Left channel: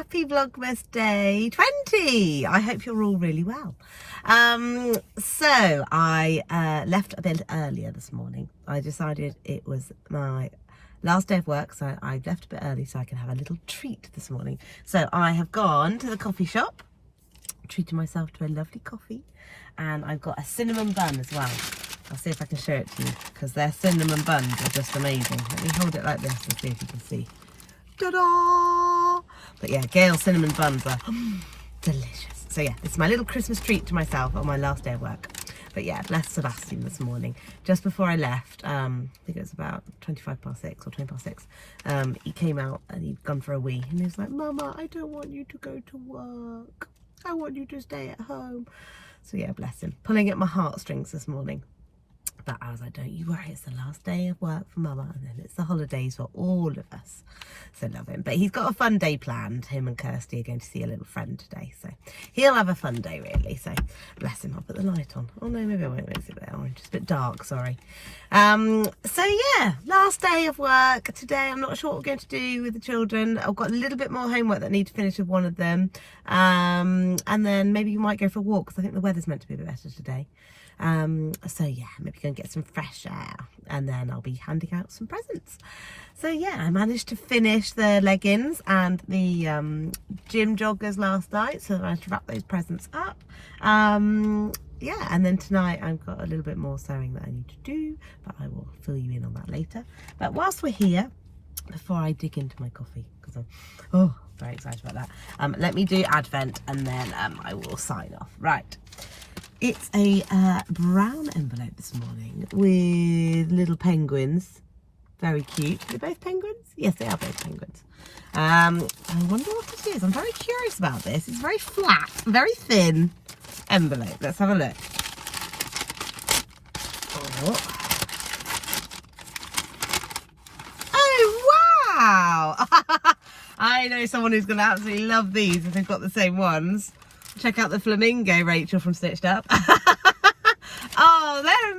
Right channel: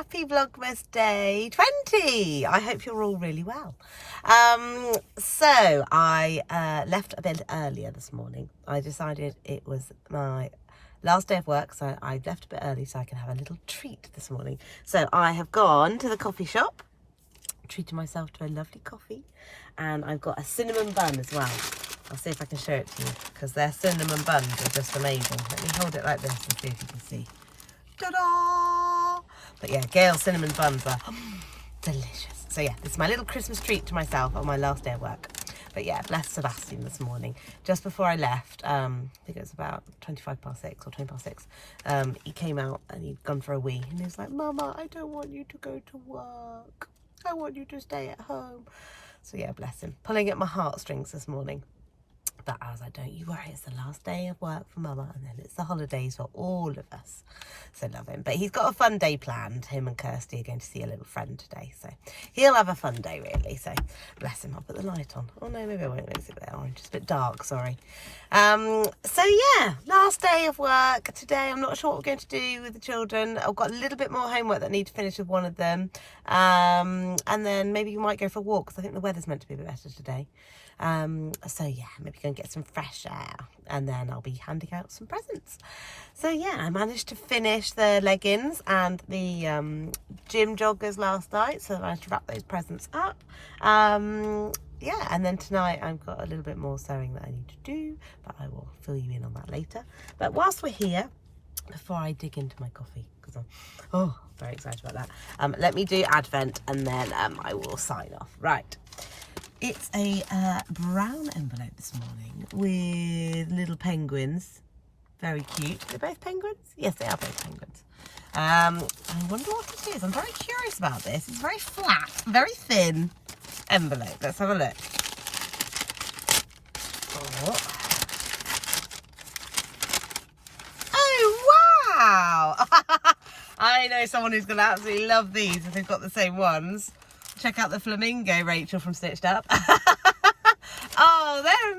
happy Vlogmas day 20. I hope you're all really well. So I left a bit earlier this morning. I decided it was my last day of work, so I left a bit early so I can have a little treat this morning. So I have gone to the coffee shop, treated myself to a lovely coffee, and I've got a cinnamon bun as well. I'll see if I can show it to you, because their cinnamon buns are just amazing. Let me hold it like this and see if you can see. Ta-da! But yeah, Gail's cinnamon buns are delicious. So yeah, it's my little Christmas treat to myself on my last day of work. But yeah, left Sebastian this morning. Just before I left, I think it was about 25 past 6 or 20 past 6, he came out and he'd gone for a wee. And he was like, Mama, I don't want you to go to work. I want you to stay at home. So yeah, bless him. Pulling at my heartstrings this morning. But I was like, don't you worry, it's the last day of work for Mama, and then it's the holidays for all of us. So love him. But he's got a fun day planned. Him and Kirsty are going to see a little friend today, so he'll have a fun day really. So bless him. I'll put the light on. Oh no, maybe I won't. It's a bit orange. It's a bit dark, sorry. So yeah, last day of work today. I'm not sure what we're going to do with the children. I've got a little bit more homework that I need to finish with one of them, and then maybe you might go for a walk, because I think the weather's meant to be a bit better today. So yeah, maybe go and get some fresh air, and then I'll be handing out some presents. So yeah, I managed to finish the leggings and the gym joggers last night, so I managed to wrap those presents up. Yeah, and then tonight I've got a little bit more sewing that I need to do, but I will fill you in on that later. But whilst we're here, before I dig into my coffee, because I'm very excited about that, let me do Advent, and then I will sign off. Right. It's a brown envelope this morning with little penguins. Very cute. Are they both penguins? Yes, they are both penguins. I wonder what it is. I'm very curious about this. It's very flat, very thin envelope. Let's have a look. Oh wow! I know someone who's going to absolutely love these if they've got the same ones. Check out the flamingo, Rachel from Stitched Up. Oh, they're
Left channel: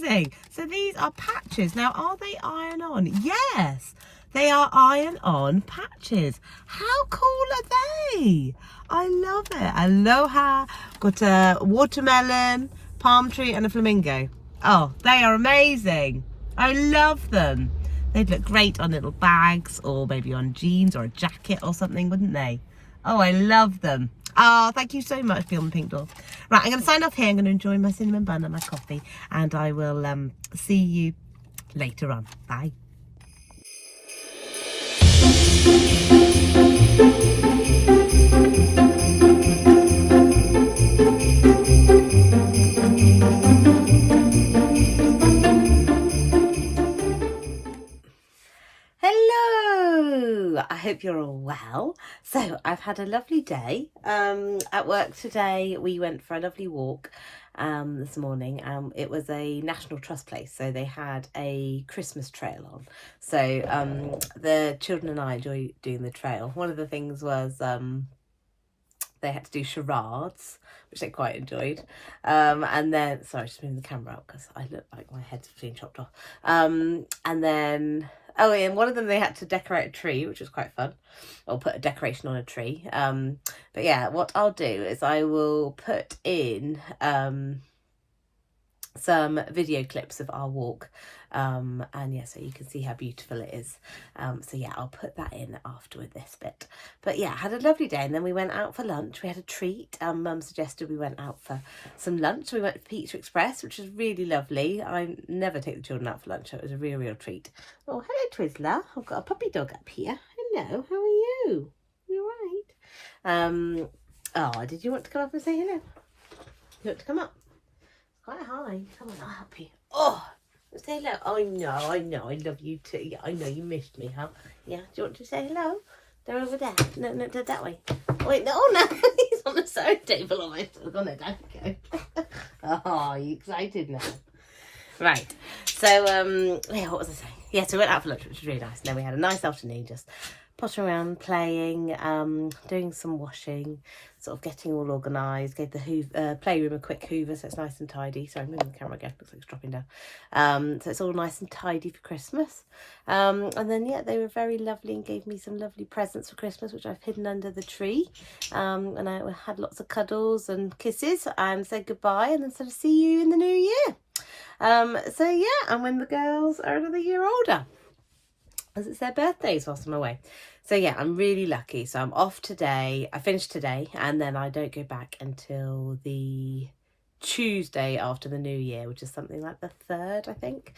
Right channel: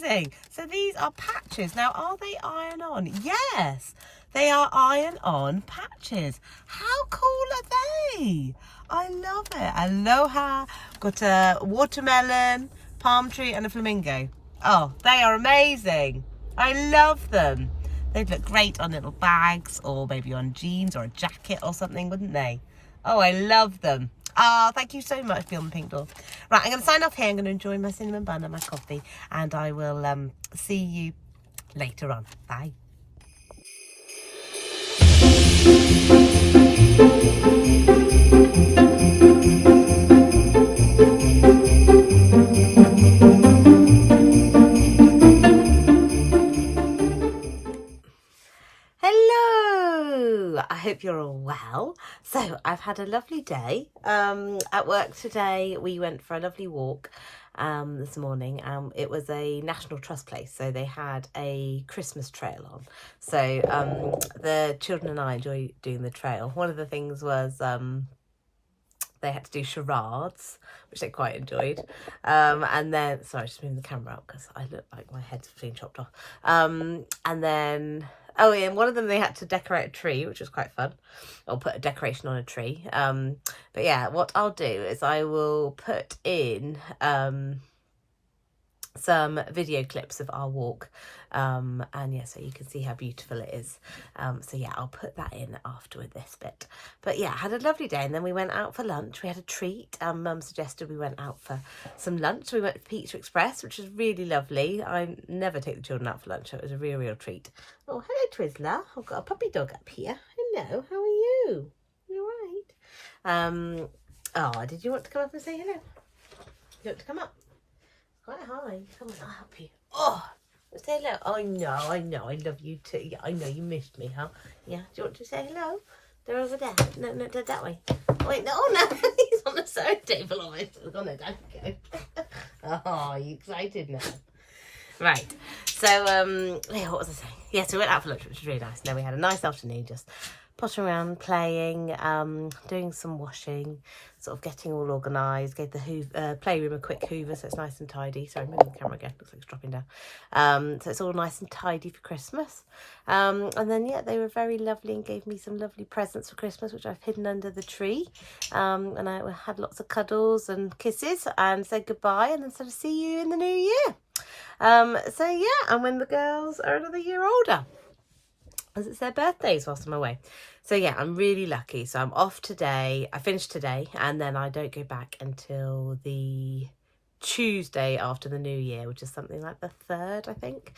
amazing. So these are patches. Now, are they iron-on? Yes, they are iron-on patches. How cool are they? I love it. Aloha. Got a watermelon, palm tree, and a flamingo. Oh, they are amazing. I love them. They'd look great on little bags, or maybe on jeans or a jacket or something, wouldn't they? Oh, I love them. Oh, thank you so much, Bill and Pink Doll. Right, I'm going to sign off here. I'm going to enjoy my cinnamon bun and my coffee, and I will see you later on. Bye. Hello, I hope you're all well. So I've had a lovely day at work today. We went for a lovely walk this morning. It was a National Trust place, so they had a Christmas trail on. So the children and I enjoy doing the trail. One of the things was they had to do charades, which they quite enjoyed. And then, sorry, just moving the camera up because I look like my head's being chopped off. And then, oh, and one of them, they had to decorate a tree, which was quite fun, or put a decoration on a tree. But yeah, what I'll do is I will put in some video clips of our walk. And yeah, so you can see how beautiful it is. So yeah, I'll put that in after with this bit. But yeah, had a lovely day, and then we went out for lunch. We had a treat. Mum suggested we went out for some lunch. We went to Pizza Express, which was really lovely. I never take the children out for lunch, so it was a real treat. Oh, hello Twizzler. I've got a puppy dog up here. Hello, how are you? You all right? Oh, did you want to come up and say hello? You want to come up? Quite high. Come on, I'll help you. Oh, say hello. Oh, I know. I love you too. Yeah, I know you missed me, huh? Yeah, do you want to say hello? They're over there. No, that way. Wait, no, he's on the sewing table. Oh, I've gone down. Go. Oh, you excited now? Right. So, yeah, what was I saying? Yeah, so we went out for lunch, which was really nice. And then we had a nice afternoon just pottering around, playing, doing some washing, sort of getting all organised. Gave the playroom a quick hoover so it's nice and tidy. Sorry, I'm moving the camera again, looks like it's dropping down. So it's all nice and tidy for Christmas. And then, yeah, they were very lovely and gave me some lovely presents for Christmas, which I've hidden under the tree. And I had lots of cuddles and kisses and said goodbye and then sort of see you in the new year. So yeah, and when the girls are another year older, as it's their birthdays whilst I'm away. So yeah, I'm really lucky. So I'm off today. I finished today and then I don't go back until the Tuesday after the new year, which is something like the 3rd, I think.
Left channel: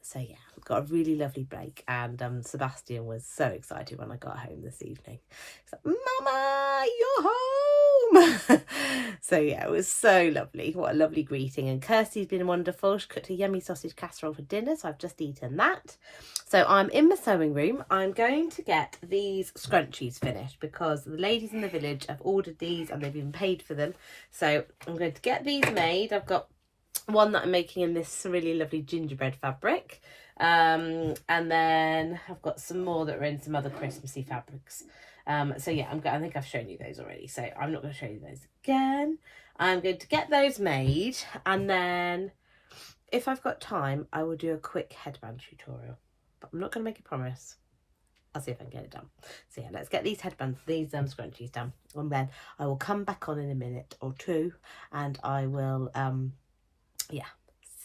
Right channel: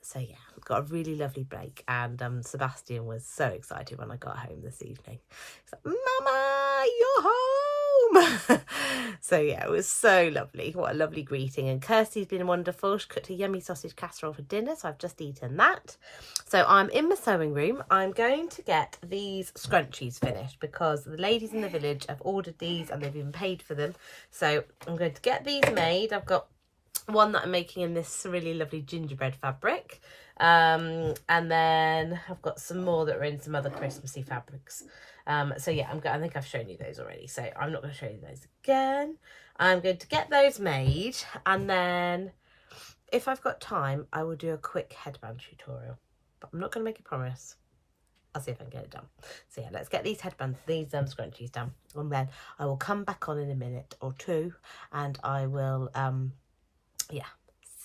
So yeah, I've got a really lovely break, and Sebastian was so excited when I got home this evening. He's like, Mama, you're home. So yeah, it was so lovely. What a lovely greeting. And Kirsty's been wonderful. She cooked a yummy sausage casserole for dinner, so I've just eaten that. So I'm in my sewing room. I'm going to get these scrunchies finished because the ladies in the village have ordered these and they've even paid for them. So I'm going to get these made. I've got one that I'm making in this really lovely gingerbread fabric. And then I've got some more that are in some other Christmassy fabrics. So yeah, I think I've shown you those already, so I'm not going to show you those again. I'm going to get those made, and then if I've got time, I will do a quick headband tutorial. But I'm not going to make a promise. I'll see if I can get it done. So yeah, let's get these headbands, these scrunchies done, and then I will come back on in a minute or two, and I will, yeah,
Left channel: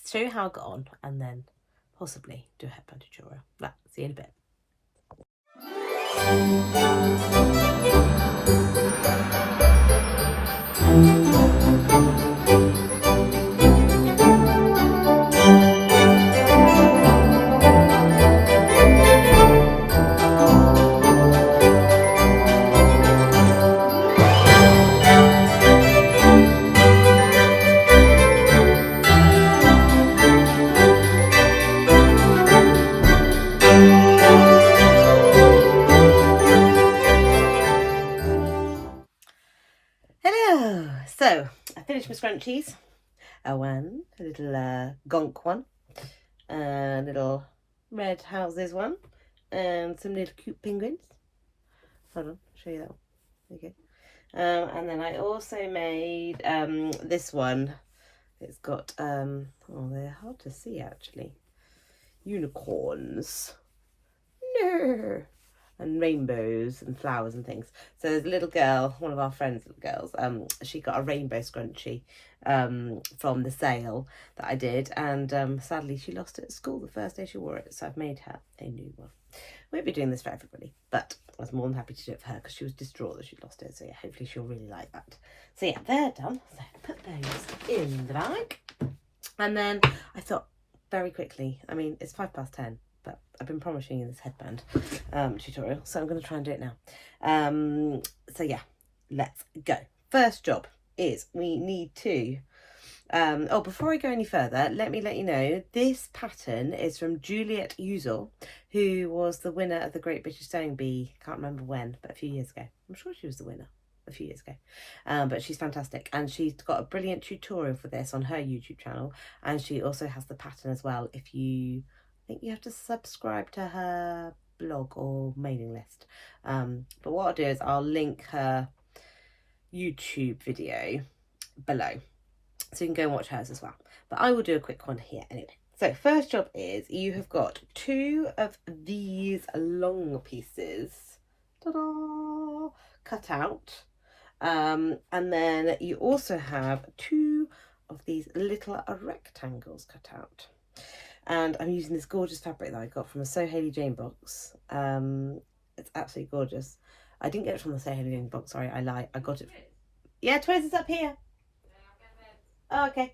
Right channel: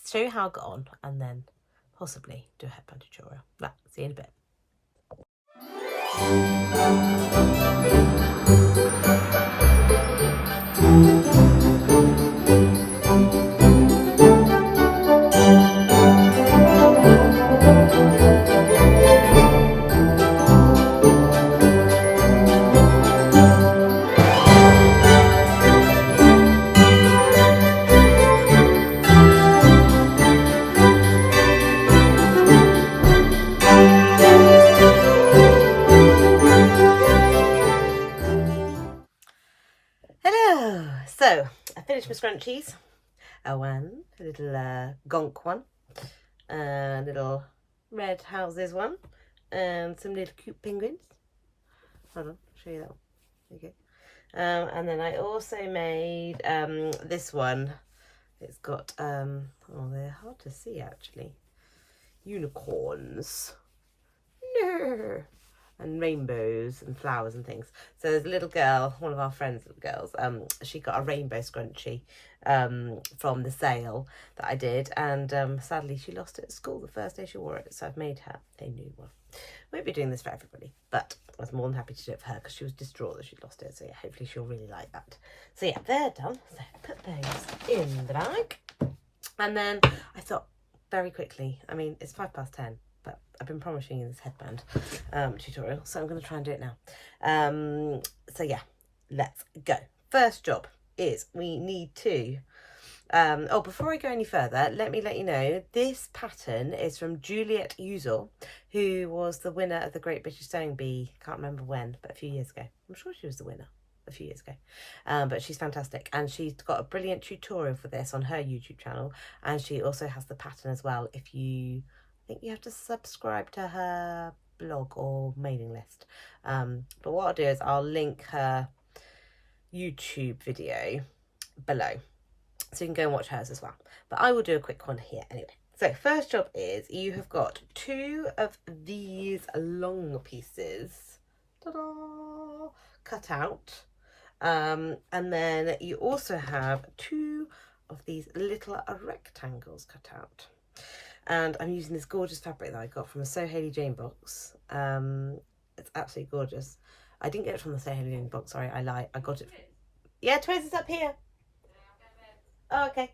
show you how I got on, and then possibly do a headband tutorial. Right, see you in a bit. So I finished my scrunchies. A little gonk one, a little red houses one, and some little cute penguins. Hold on, I'll show you that one. There you go. And then I also made this one. It's got oh, they're hard to see actually. Unicorns. No. And rainbows and flowers and things. So there's a little girl, one of our friends' little girls, she got a rainbow scrunchie from the sale that I did, and sadly she lost it at school the first day she wore it, so I've made her a new one. Won't be doing this for everybody, but I was more than happy to do it for her because she was distraught that she'd lost it, so yeah, hopefully she'll really like that. So yeah, they're done. So put those in the bag, and then I thought very quickly, I mean, it's 10:05. But I've been promising you this headband tutorial, so I'm going to try and do it now. So yeah, let's go. First job is we need to, oh, before I go any further, let me let you know, this pattern is from Juliet Uzor, who was the winner of the Great British Sewing Bee, can't remember when, but a few years ago. I'm sure she was the winner a few years ago, but she's fantastic, and she's got a brilliant tutorial for this on her YouTube channel, and she also has the pattern as well. If you, I think you have to subscribe to her blog or mailing list, but what I'll do is I'll link her YouTube video below so you can go and watch hers as well, but I will do a quick one here anyway. So first job is you have got 2 of these long pieces, ta-da, cut out, and then you also have 2 of these little rectangles cut out. And I'm using this gorgeous fabric that I got from a So Hayley Jane box. It's absolutely gorgeous. I didn't get it from the So Hayley Jane box, sorry, I lie. I got it. Yeah, Twiz is up here. Oh, okay.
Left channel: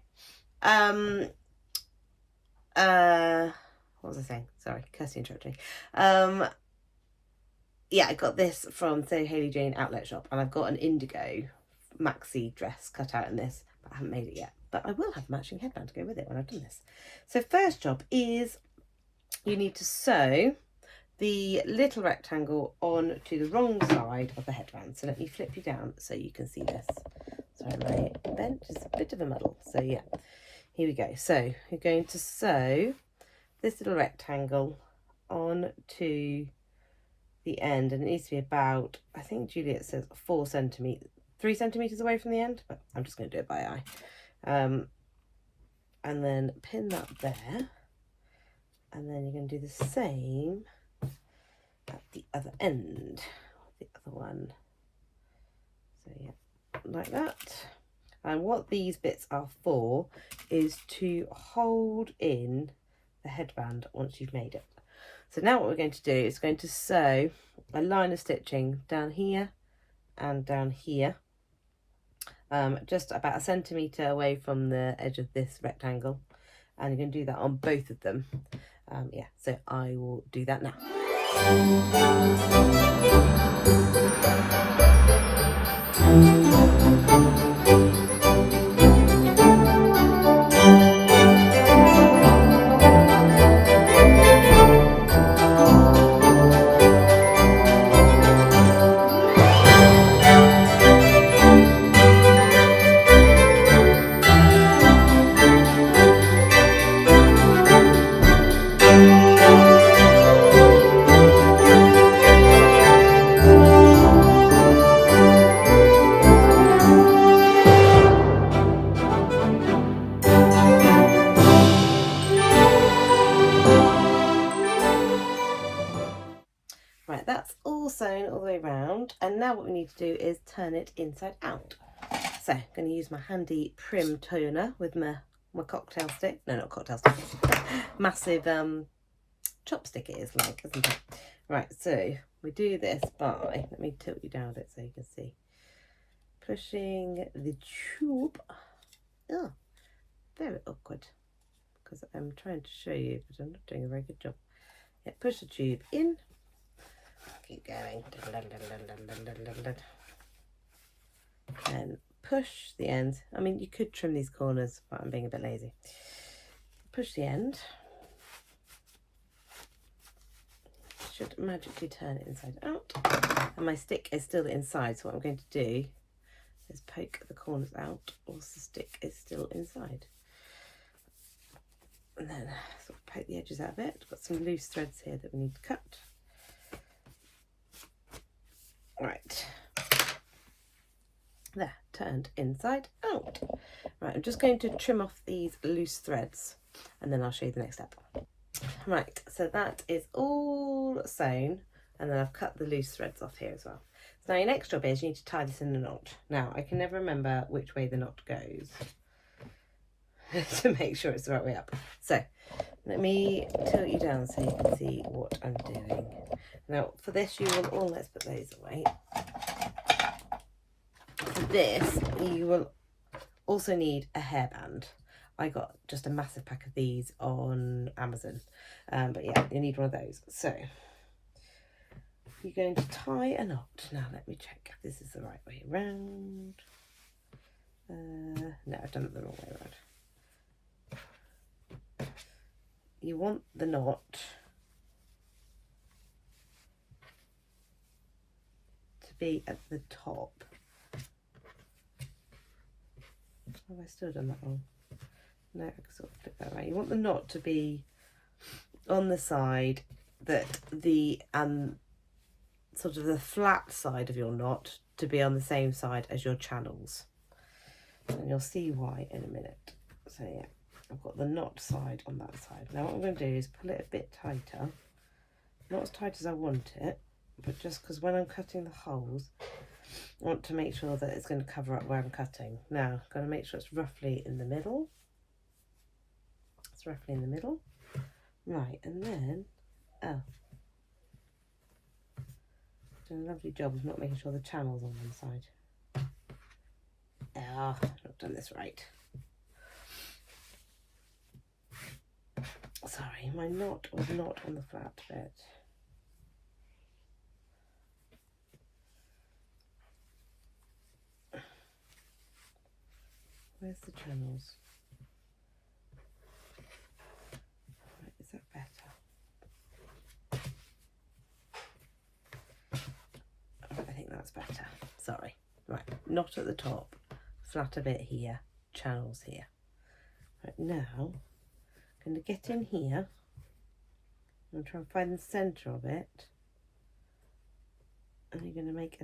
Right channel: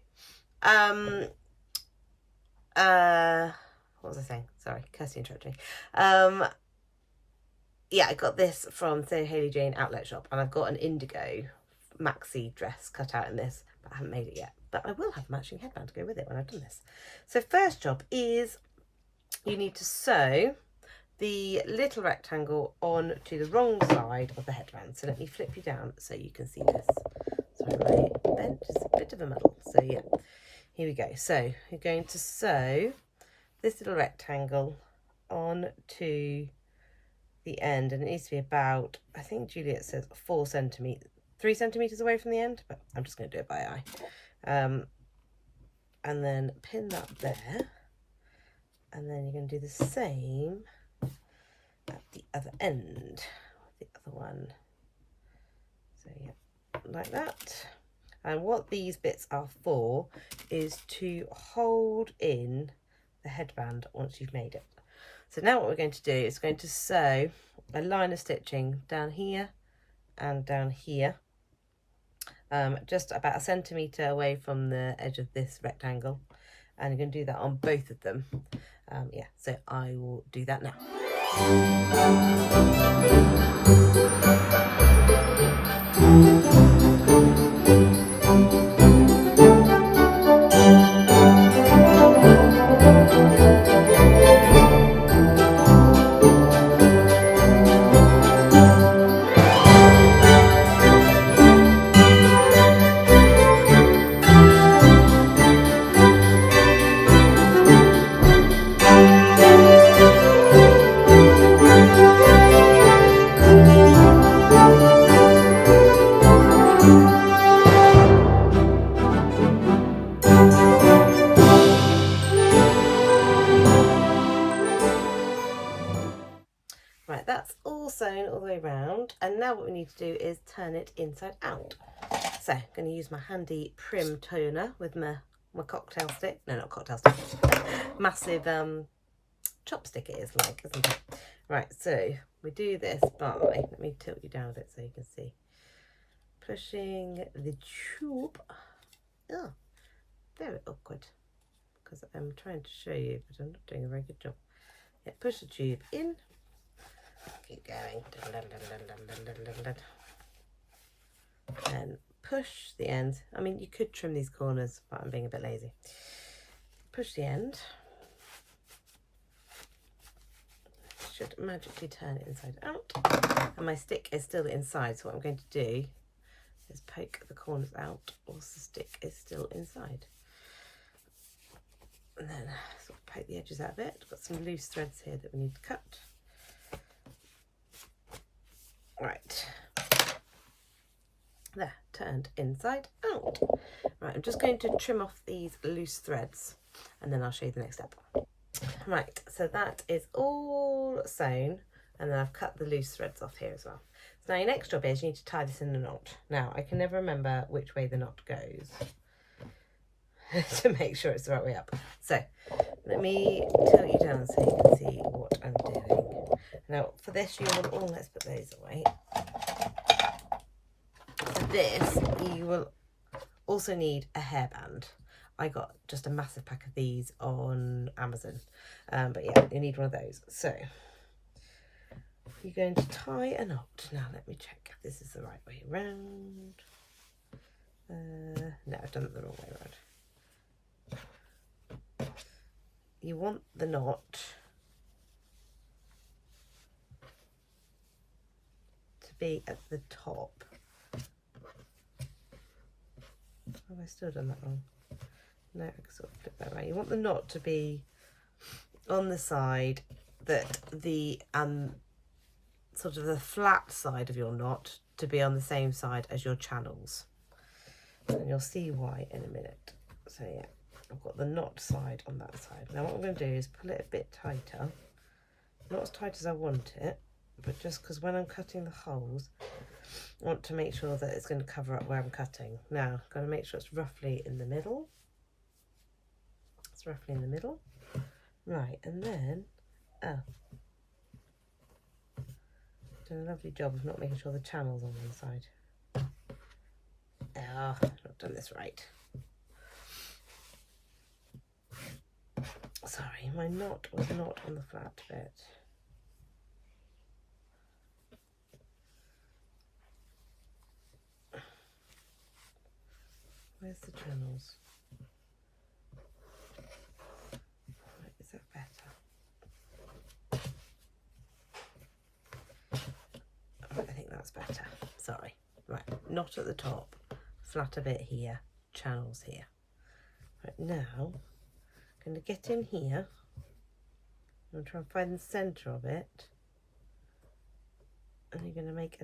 What was I saying? Sorry, Kirsty interrupted me. Yeah, I got this from So Hayley Jane outlet shop, and I've got an indigo maxi dress cut out in this, but I haven't made it yet. But I will have a matching headband to go with it when I've done this. So first job is you need to sew the little rectangle on to the wrong side of the headband. So let me flip you down so you can see this. Sorry, my bench is a bit of a muddle. So yeah, here we go. So you're going to sew this little rectangle on to the end, and it needs to be about, I think Juliet says 3 centimeters away from the end, but I'm just going to do it by eye. And then pin that there, and then you're going to do the same at the other end, the other one. So yeah, like that. And what these bits are for is to hold in the headband once you've made it. So now what we're going to do is going to sew a line of stitching down here and down here, just about 1 centimetre away from the edge of this rectangle, and you're going to do that on both of them. Yeah, so I will do that now. Right, that's all sewn all the way around, and now what we need to do is turn it inside out. So I'm going to use my handy Prim toner with my cocktail stick. No, not cocktail stick. Massive chopstick it is like, isn't it? Right, so we do this by, let me tilt you down a bit so you can see. Pushing the tube. Oh, very awkward, because I'm trying to show you, but I'm not doing a very good job. Yeah, push the tube in. Keep going. And push the end. I mean, you could trim these corners, but I'm being a bit lazy. Push the end. Should magically turn it inside out. And my stick is still inside, so what I'm going to do is poke the corners out whilst the stick is still inside. And then sort of poke the edges out a bit. Got some loose threads here that we need to cut. Right, there, turned inside out. Right, I'm just going to trim off these loose threads and then I'll show you the next step. Right, so that is all sewn, and then I've cut the loose threads off here as well. So now your next job is you need to tie this in a knot. Now, I can never remember which way the knot goes to make sure it's the right way up. So let me tilt you down so you can see what I'm doing. Now for this you will, let's put those away. For this you will also need a hairband. I got just a massive pack of these on Amazon, but yeah, you need one of those. So you're going to tie a knot. Now let me check if this is the right way around. No, I've done it the wrong way around. You want the knot to be at the top. Have I still done that wrong? No, I can sort of flip that around. You want the knot to be on the side that the sort of the flat side of your knot to be on the same side as your channels. And you'll see why in a minute. So yeah, I've got the knot side on that side. Now what I'm going to do is pull it a bit tighter. Not as tight as I want it, but just because when I'm cutting the holes, I want to make sure that it's going to cover up where I'm cutting. Now, I've got to make sure it's roughly in the middle. It's roughly in the middle. Right, and then, done a lovely job of not making sure the channel's on one side. I've not done this right. Sorry, my knot was not on the flat bit. Where's the channels? Right, is that better? Alright, I think that's better. Sorry. Right, knot at the top, flat a bit here, channels here. Right, now I'm going to get in here and try and find the centre of it and you're going to make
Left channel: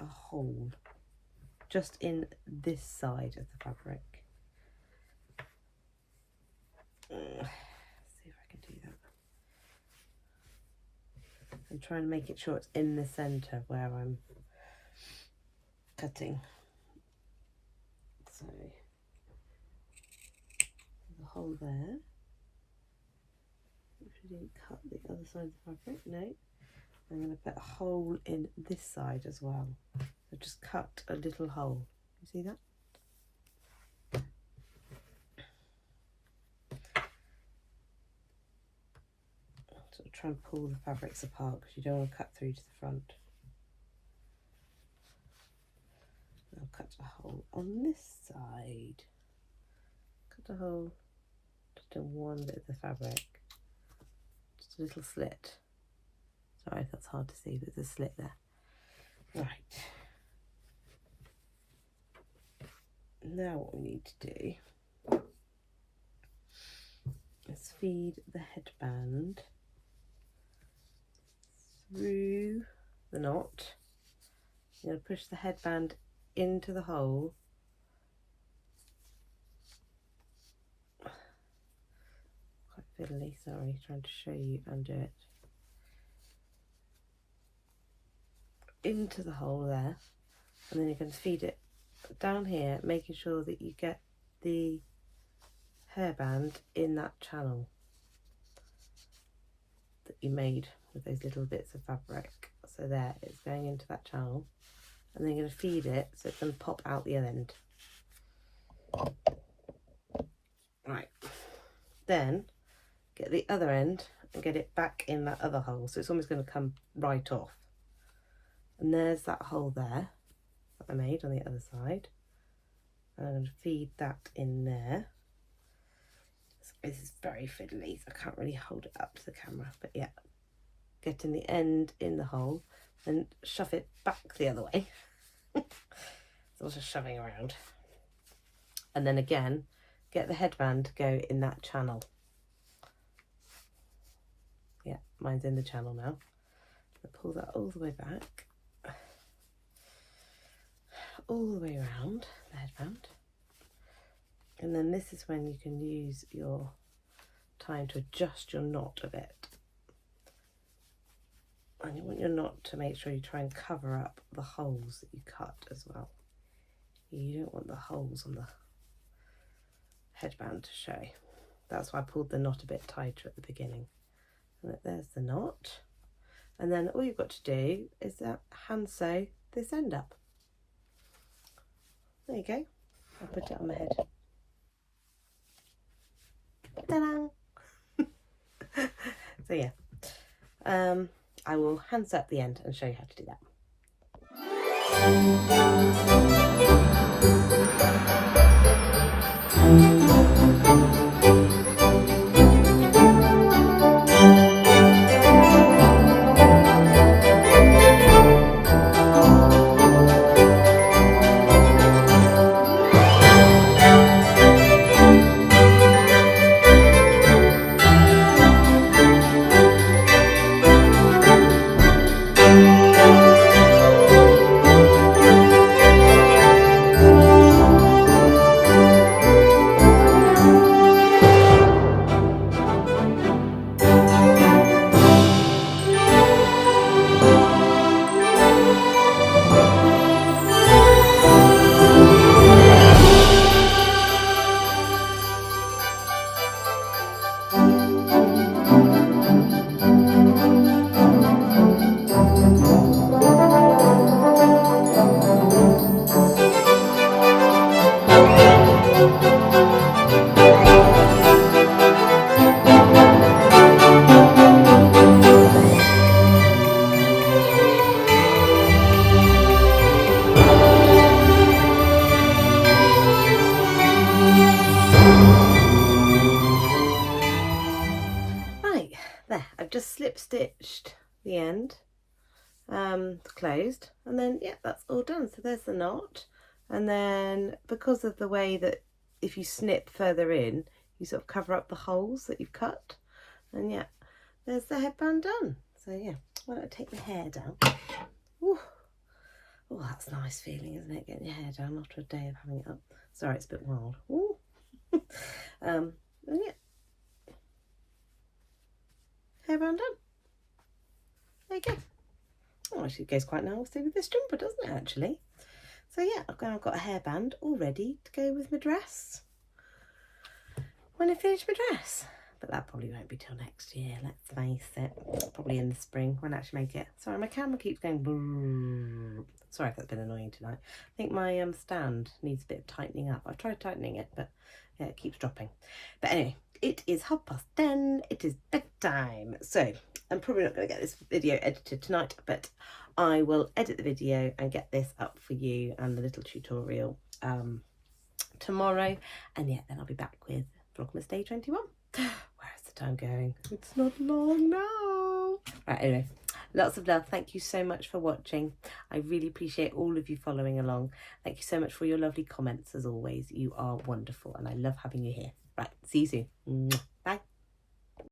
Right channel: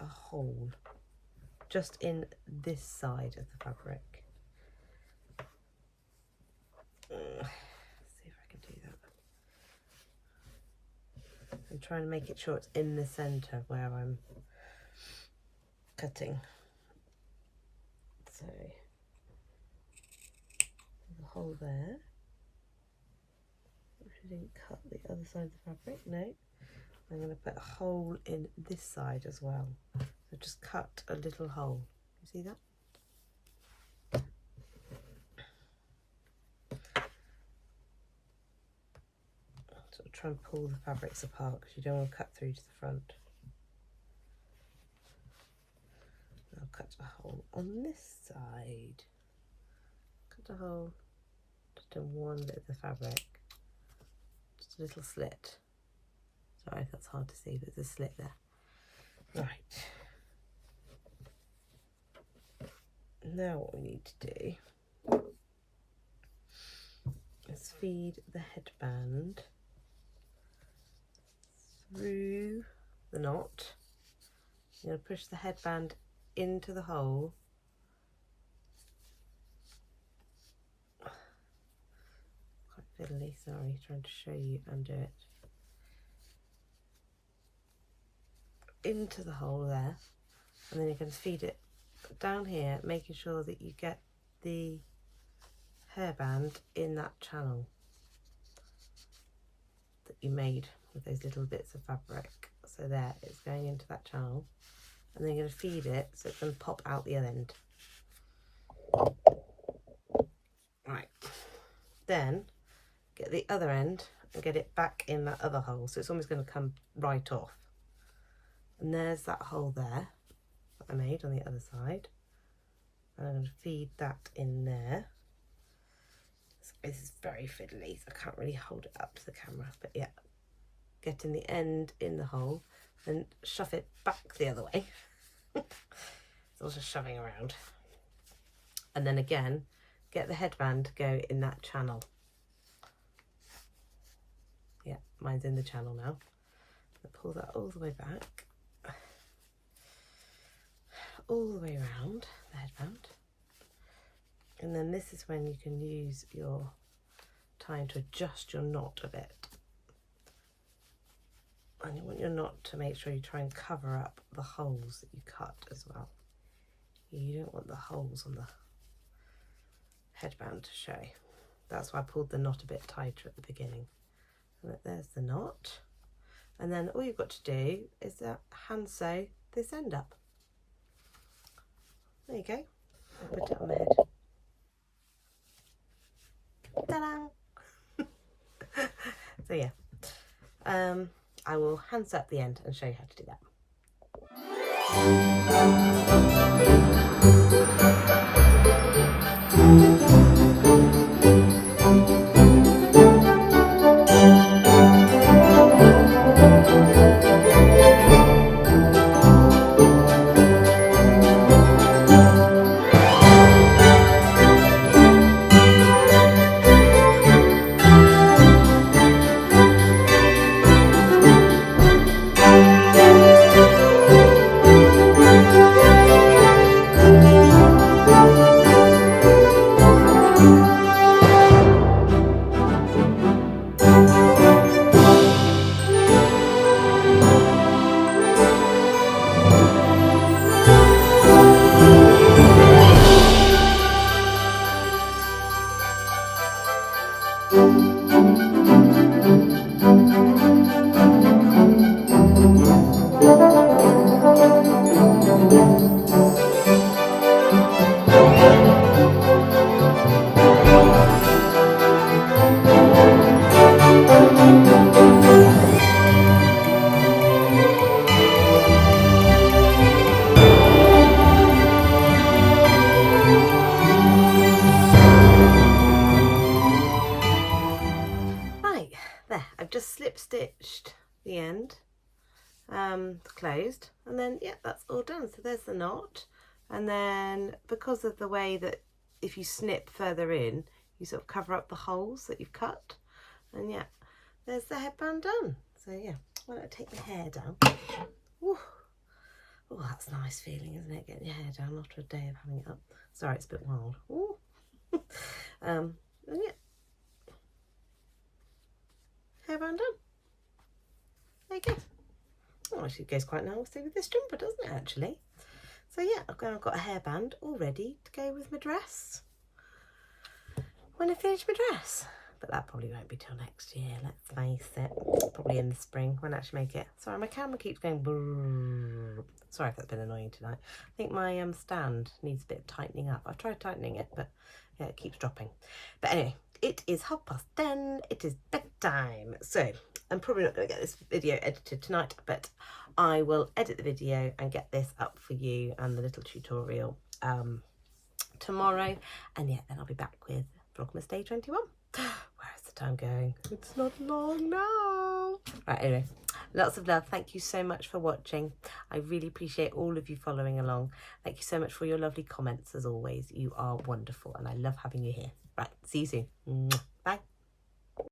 a hole just in this side of the fabric. See if I can do that. I'm trying to make it sure it's in the center where I'm cutting. So there's a hole there. I didn't cut the other side of the fabric, no. I'm going to put a hole in this side as well. So just cut a little hole. You see that? Sort of try and pull the fabrics apart because you don't want to cut through to the front. I'll cut a hole on this side. Cut a hole just in one bit of the fabric. Just a little slit. Sorry if that's hard to see, but there's a slit there. Right. Now what we need to do is feed the headband through the knot. You're going to push the headband into the hole. Quite fiddly, sorry, trying to show you and do it. Into the hole there, and then you're going to feed it down here, making sure that you get the hairband in that channel that you made with those little bits of fabric. So there, it's going into that channel, and then you're going to feed it so it can pop out the other end. Right, then get the other end and get it back in that other hole, so it's almost going to come right off. And there's that hole there that I made on the other side. And I'm going to feed that in there. This is very fiddly, so I can't really hold it up to the camera. But yeah, getting the end in the hole and shove it back the other way. It's also shoving around. And then again, get the headband to go in that channel. Yeah, mine's in the channel now. I'll pull that all the way back. All the way around the headband, and then this is when you can use your time to adjust your knot a bit, and you want your knot to make sure you try and cover up the holes that you cut as well. You don't want the holes on the headband to show. That's why I pulled the knot a bit tighter at the beginning. And there's the knot, and then all you've got to do is hand sew this end up. There you go. I'll put it on my head. Ta-da! So yeah, I will hand sew up the end and show you how to do that. Just slip stitched the end closed, and then yeah, that's all done. So there's the knot, and then because of the way that if you snip further in, you sort of cover up the holes that you've cut, and yeah, there's the headband done. So yeah, why don't I take my hair down? Ooh. Oh, that's a nice feeling, isn't it? Getting your hair down after a day of having it up. Sorry, it's a bit wild. Ooh. And yeah. Hairband done. There you go. Oh, actually, it goes quite nicely with this jumper, doesn't it, actually? So yeah, I've got a hairband all ready to go with my dress when I finish my dress. But that probably won't be till next year, let's face it. Probably in the spring, won't actually make it. Sorry, my camera keeps going brrrr. Sorry if that's been annoying tonight. I think my stand needs a bit of tightening up. I've tried tightening it, but yeah, it keeps dropping. But anyway, it is 10:30. It is bedtime. So I'm probably not going to get this video edited tonight, but I will edit the video and get this up for you and the little tutorial tomorrow. And yeah, then I'll be back with Vlogmas Day 21. Where's the time going? It's not long now. Right, anyway, lots of love. Thank you so much for watching. I really appreciate all of you following along. Thank you so much for your lovely comments as always. You are wonderful and I love having you here. Right, see you soon. Bye.